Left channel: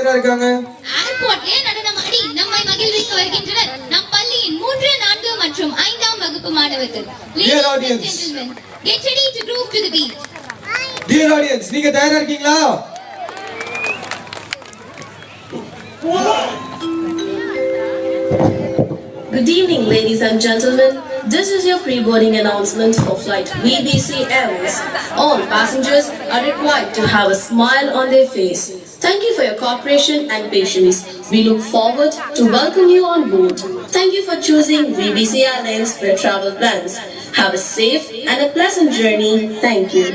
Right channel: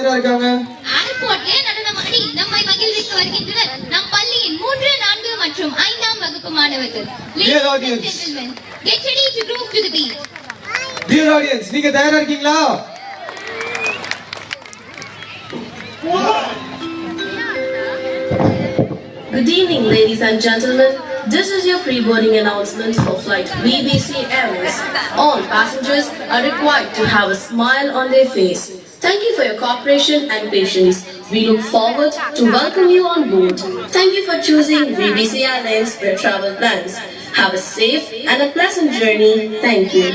தயாரா இருக்காங்க? ஏர்போர்ட்ல நடனமாடி நம்மை மகிழ்விக்க வருகின்றனர் நம் பள்ளியின் 3, 4 மற்றும் 5ஆம் வகுப்பு மாணவர்கள். Dear audience, get ready to groove to the beat. Dear audience, நீங்க தயாரா இருக்கீங்களா? Good evening, ladies and gentlemen. This is your pre-boarding announcement for flight VBC Airways. All passengers are required to have a smile on their face. Thank you for your cooperation and patience. We look forward to welcome you on board. Thank you for choosing VBC Airlines for your travel plans. Have a safe and a pleasant journey. Thank you.